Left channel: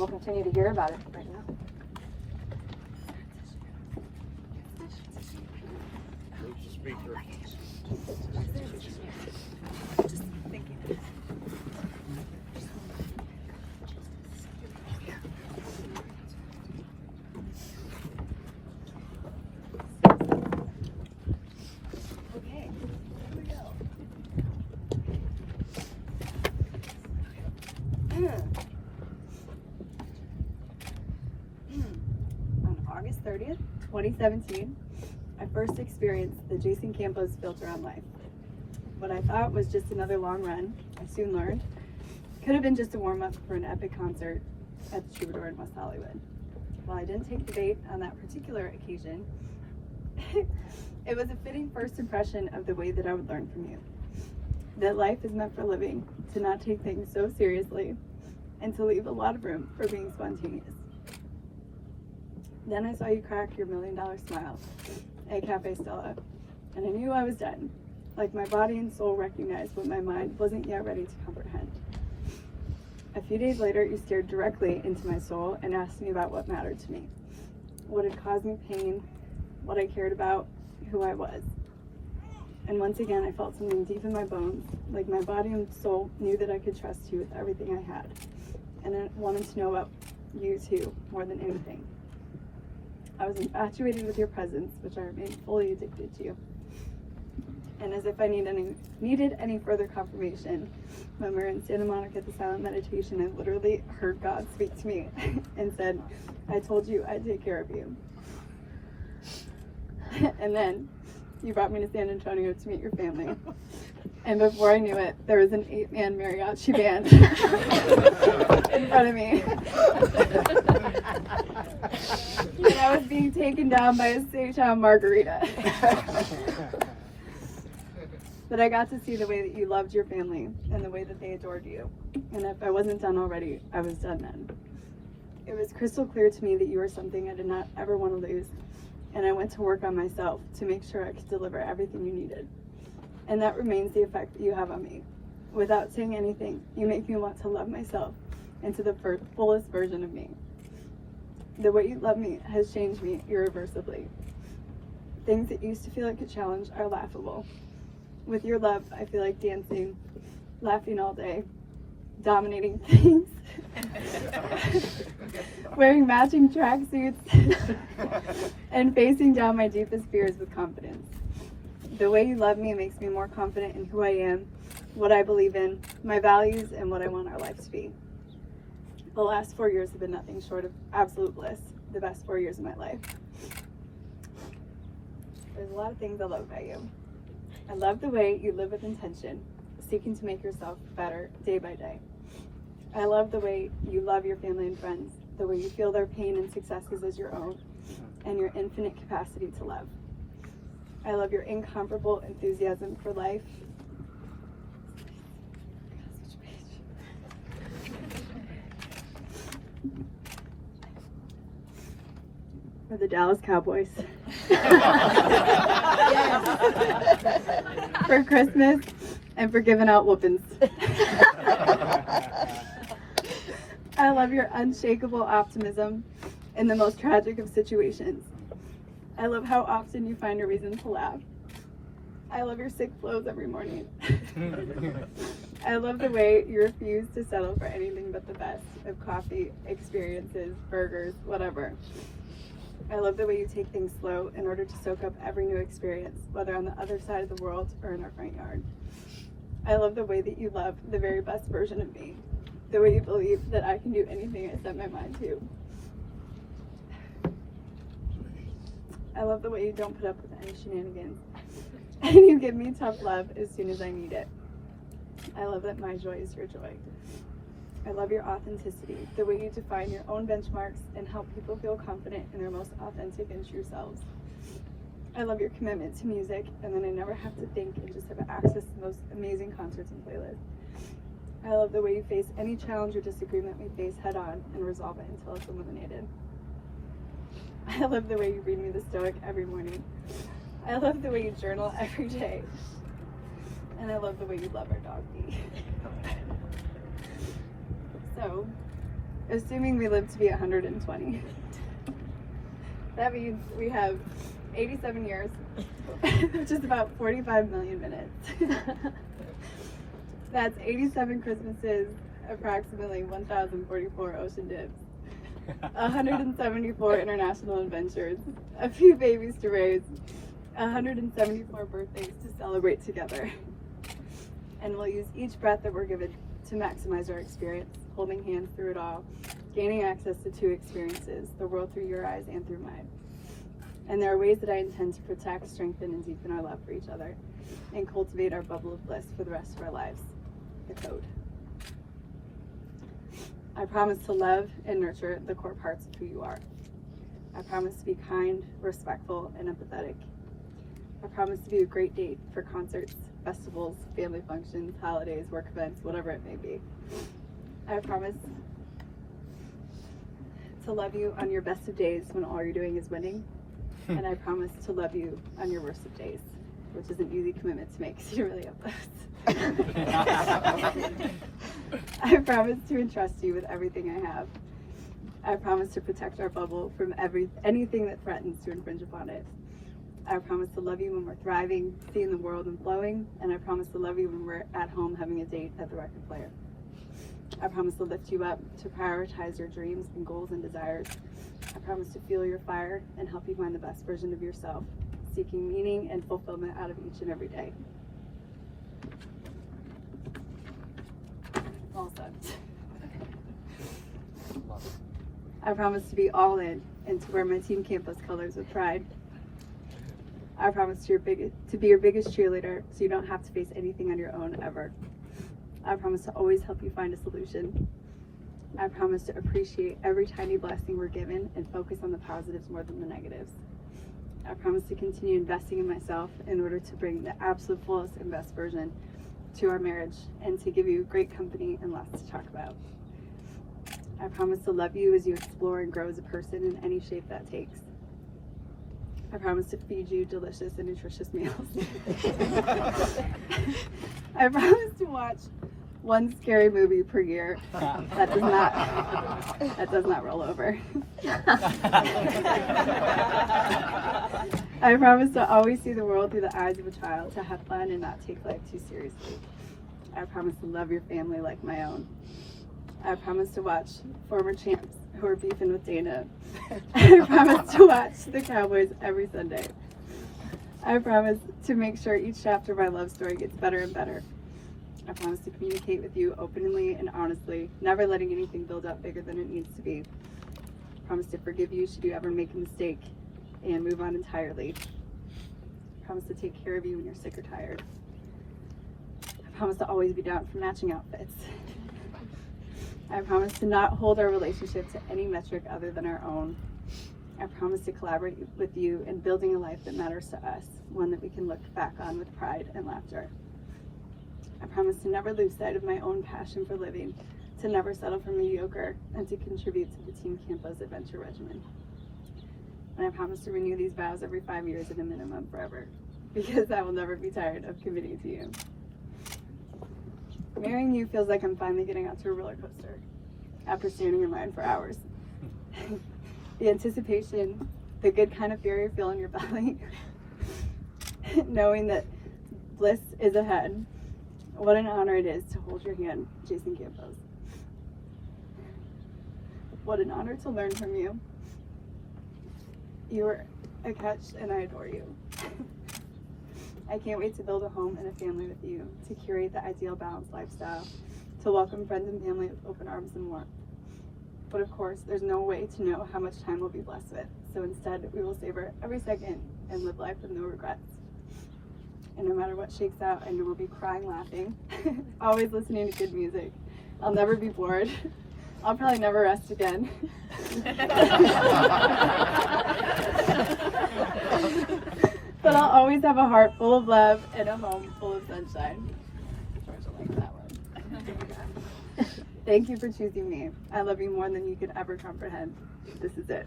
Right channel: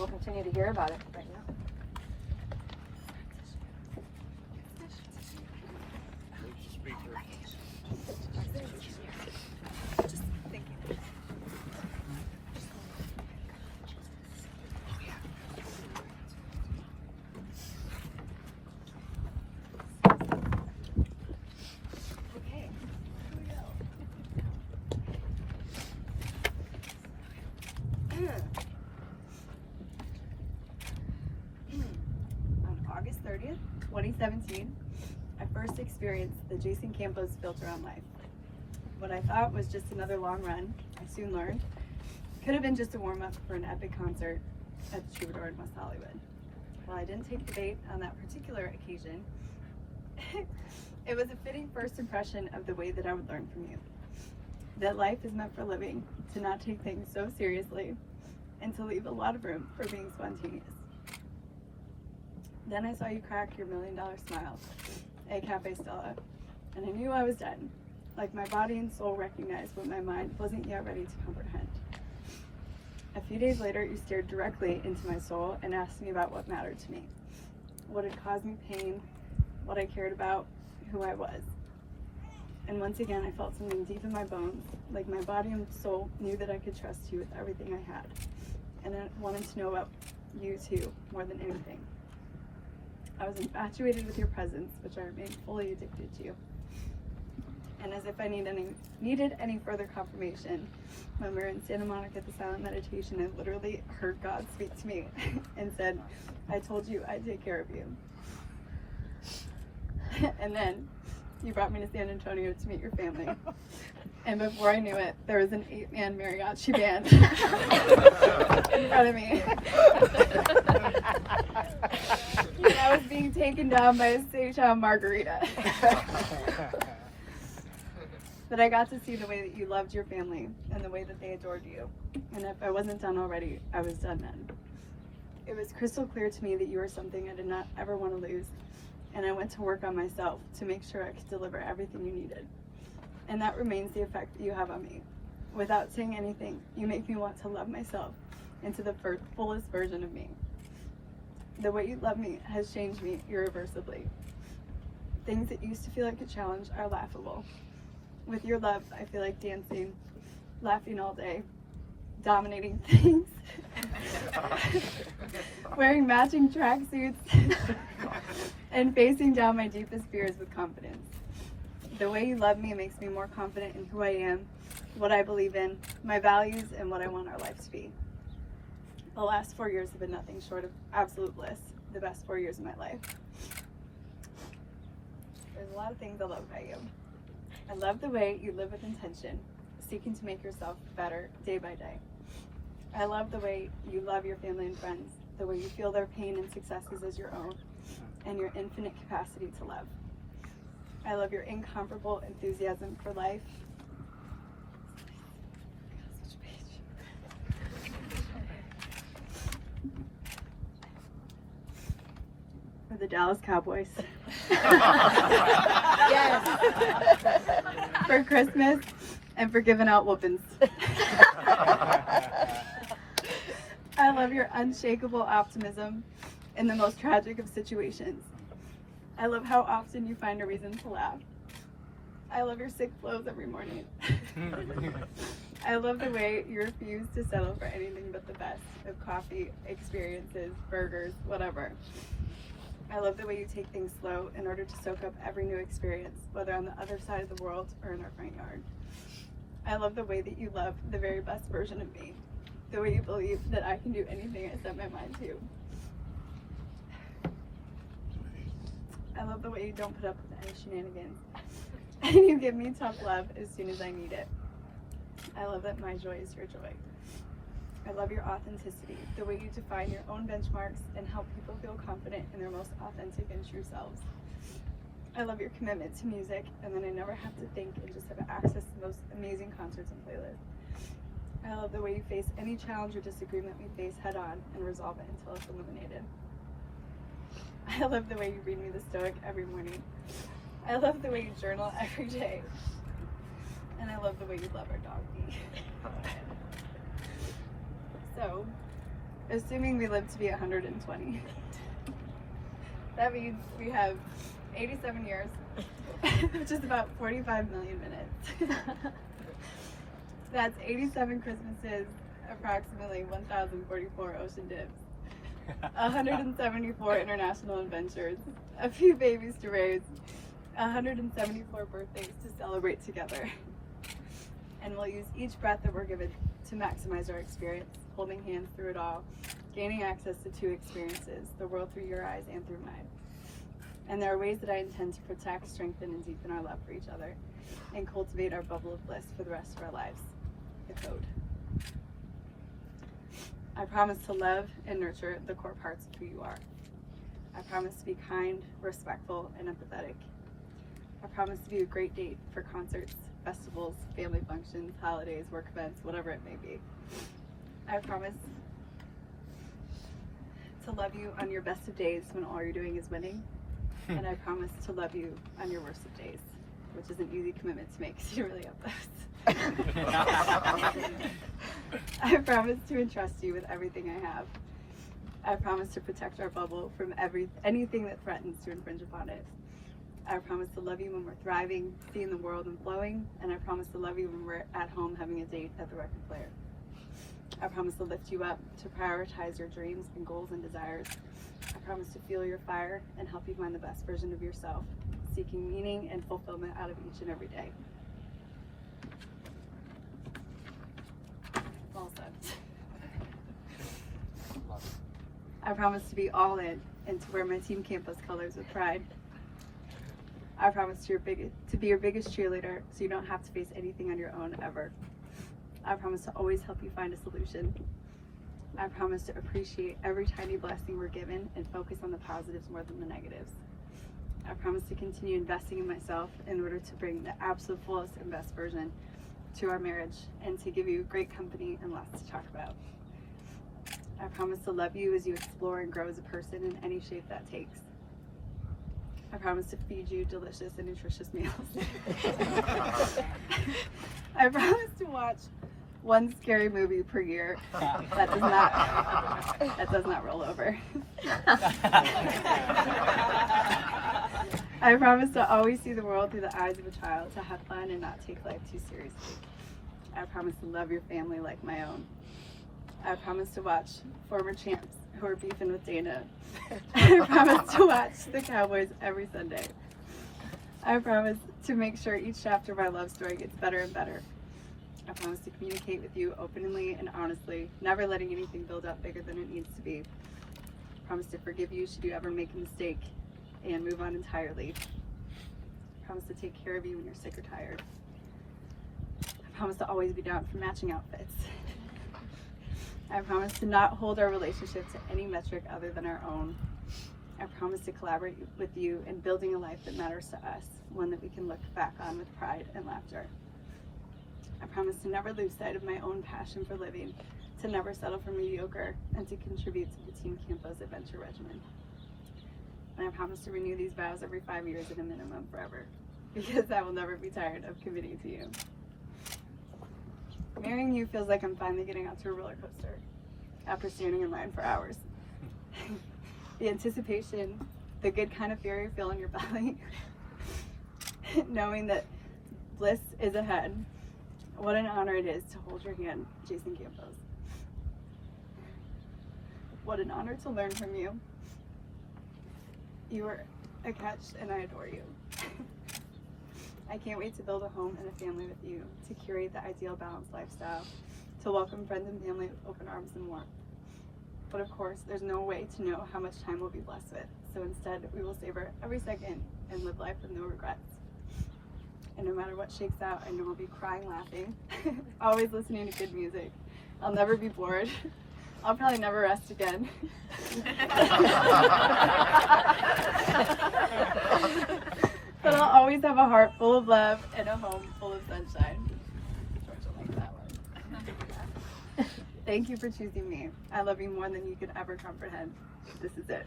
we'll continue to hear about it. But, you know. On August 30th, 2017, I first experienced the Jason Campos filter on life. What I thought was just another long run, I soon learned, could have been just a warm-up for an epic concert at the Troubadour in West Hollywood. While I didn't take the bait on that particular occasion, it was a fitting first impression of the way that I would learn from you. That life is meant for living, to not take things so seriously, and to leave a lot of room for being spontaneous. Then I saw you crack your $1 million smile at Cafe Stella, and I knew I was done. Like my body and soul recognized what my mind wasn't yet ready to comprehend. A few days later, you stared directly into my soul and asked me about what mattered to me, what had caused me pain, what I cared about, who I was. And once again, I felt something deep in my bones, like my body and soul knew that I could trust you with everything I had. And I wanted to know about you too, more than anything. I was infatuated with your presence, which I remained fully addicted to. And as if I needed any further confirmation, when we were in Santa Monica at the silent meditation, I literally heard God speak to me and said, I told you I'd take care of you. And then you brought me to San Antonio to meet your family. And before I knew it, there was an 8-man mariachi band in front of me. And I was being taken down by a Seychelles margarita. But I got to see the way that you loved your family and the way that they adored you. And if I wasn't done already, I was done then. It was crystal clear to me that you were something I did not ever want to lose. And I went to work on myself to make sure I could deliver everything you needed. And that remains the effect that you have on me. Without saying anything, you make me want to love myself into the fullest version of me. The way you love me has changed me irreversibly. Things that used to feel like a challenge are laughable. With your love, I feel like dancing, laughing all day, dominating things, wearing matching tracksuits, and facing down my deepest fears with confidence. The way you love me makes me more confident in who I am, what I believe in, my values, and what I want our life to be. The last 4 years have been nothing short of absolute bliss, the best 4 years of my life. There's a lot of things I love about you. I love the way you live with intention, seeking to make yourself better day by day. I love the way you love your family and friends, the way you feel their pain and successes as your own, and your infinite capacity to love. I love your incomparable enthusiasm for life. For the Dallas Cowboys. For Christmas and for giving out whoopings. I love your unshakable optimism in the most tragic of situations. I love how often you find a reason to laugh. I love your sick flows every morning. I love the way you refuse to settle for anything but the best of coffee, experiences, burgers, whatever. I love the way you take things slow in order to soak up every new experience, whether on the other side of the world or in our front yard. I love the way that you love the very best version of me, the way you believe that I can do anything I set my mind to. I love the way you don't put up with any shenanigans, and you give me tough love as soon as I need it. I love that my joy is your joy. I love your authenticity, the way you define your own benchmarks and help people feel confident in their most authentic and true selves. I love your commitment to music, and then I never have to think and just have access to the most amazing concerts and playlists. I love the way you face any challenge or disagreement we face head on and resolve it until it's eliminated. I love the way you read me the Stoic every morning. I love the way you journal every day. And I love the way you love our dog, Bee. So, assuming we live to be 120. That means we have 87 years, which is about 45 million minutes. That's 87 Christmases, approximately 1,044 ocean dips, 174 international adventures, a few babies to raise, 174 birthdays to celebrate together. And we'll use each breath that we're given to maximize our experience, holding hands through it all, gaining access to two experiences, the world through your eyes and through mine. And there are ways that I intend to protect, strengthen, and deepen our love for each other, and cultivate our bubble of bliss for the rest of our lives. The code. I promise to love and nurture the core parts of who you are. I promise to be kind, respectful, and empathetic. I promise to be a great date for concerts, festivals, family functions, holidays, work events, whatever it may be. I promise to love you on your best of days when all you're doing is winning. And I promise to love you on your worst of days, which is an easy commitment to make because you really have those. I promise to entrust you with everything I have. I promise to protect our bubble from anything that threatens to infringe upon it. I promise to love you when we're thriving, seeing the world and flowing, and I promise to love you when we're at home having a date at the record player. I promise to lift you up, to prioritize your dreams and goals and desires. I promise to fuel your fire and help you find the best version of yourself, seeking meaning and fulfillment out of each and every day. Well said. I promise to be all in and to wear my Team Campus colors with pride. I promise to be your biggest cheerleader so you don't have to face anything on your own ever. I promise to always help you find a solution. I promise to appreciate every tiny blessing we're given and focus on the positives more than the negatives. I promise to continue investing in myself in order to bring the absolute fullest and best version to our marriage and to give you great company and lots to talk about. I promise to love you as you explore and grow as a person in any shape that takes. I promise to feed you delicious and nutritious meals. I promise to watch one scary movie per year. That does not roll over. I promise to always see the world through the eyes of a child, to have fun and not take life too seriously. I promise to love your family like my own. I promise to watch former champs who are beefing with Dana. I promise to watch the Cowboys every Sunday. I promise to make sure each chapter of my love story gets better and better. I promise to communicate with you openly and honestly, never letting anything build up bigger than it needs to be. I promise to forgive you should you ever make a mistake and move on entirely. I promise to take care of you when you're sick or tired. I promise to always be down for matching outfits. I promise to not hold our relationship to any metric other than our own. I promise to collaborate with you in building a life that matters to us, one that we can look back on with pride and laughter. I promise to never lose sight of my own passion for living, to never settle for mediocre, and to contribute to the Team Campos adventure regimen. And I promise to renew these vows every 5 years at a minimum forever, because I will never be tired of committing to you. Marrying you feels like I'm finally getting onto a roller coaster after standing in line for hours. The anticipation, the good kind of fear you feel in your belly, knowing that bliss is ahead. What an honor it is to hold your hand, Jason Campos. What an honor to learn from you. You are a catch and I adore you. I can't wait to build a home and a family with you, to curate the ideal balanced lifestyle, to welcome friends and family with open arms and warmth. But of course, there's no way to know how much time we'll be blessed with, so instead we will savor every second and live life with no regrets. And no matter what shakes out, I know we'll be crying, laughing, always listening to good music. I'll never be bored. I'll probably never rest again. But I'll always have a heart full of love and a home full of sunshine. Thank you for choosing me. I love you more than you could ever comprehend. This is it.